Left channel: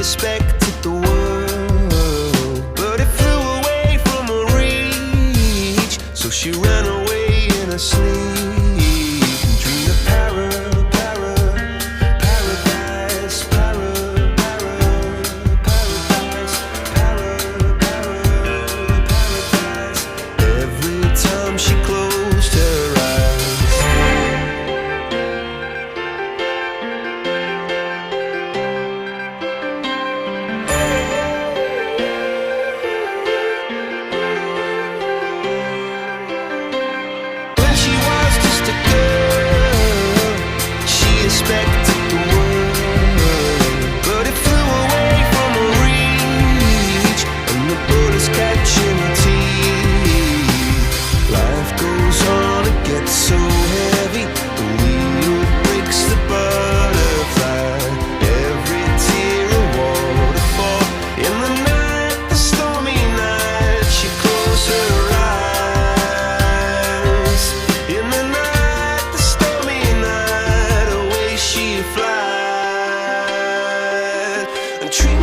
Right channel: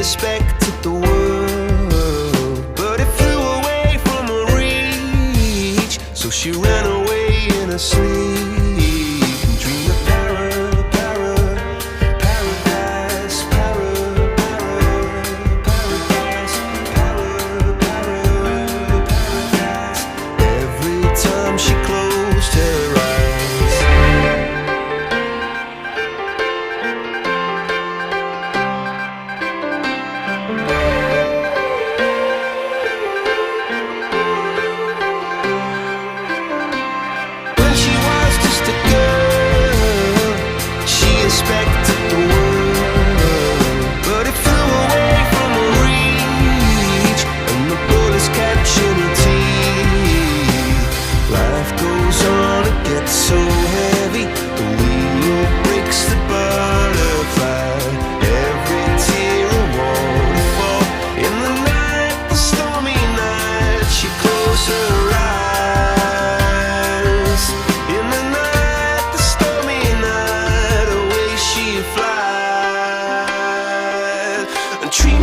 expected the world, but it flew away from her reach. So she ran away in her sleep and dreamed of paradise, paradise. Every time she closed her eyes. A girl, she expected the world, but it flew away from her reach, and the bullets catching her teeth. Life goes on, it gets so heavy, the wheel breaks the butterfly. Every tear a waterfall. In the night, the stormy night, she closed her eyes. In the night, fly, dream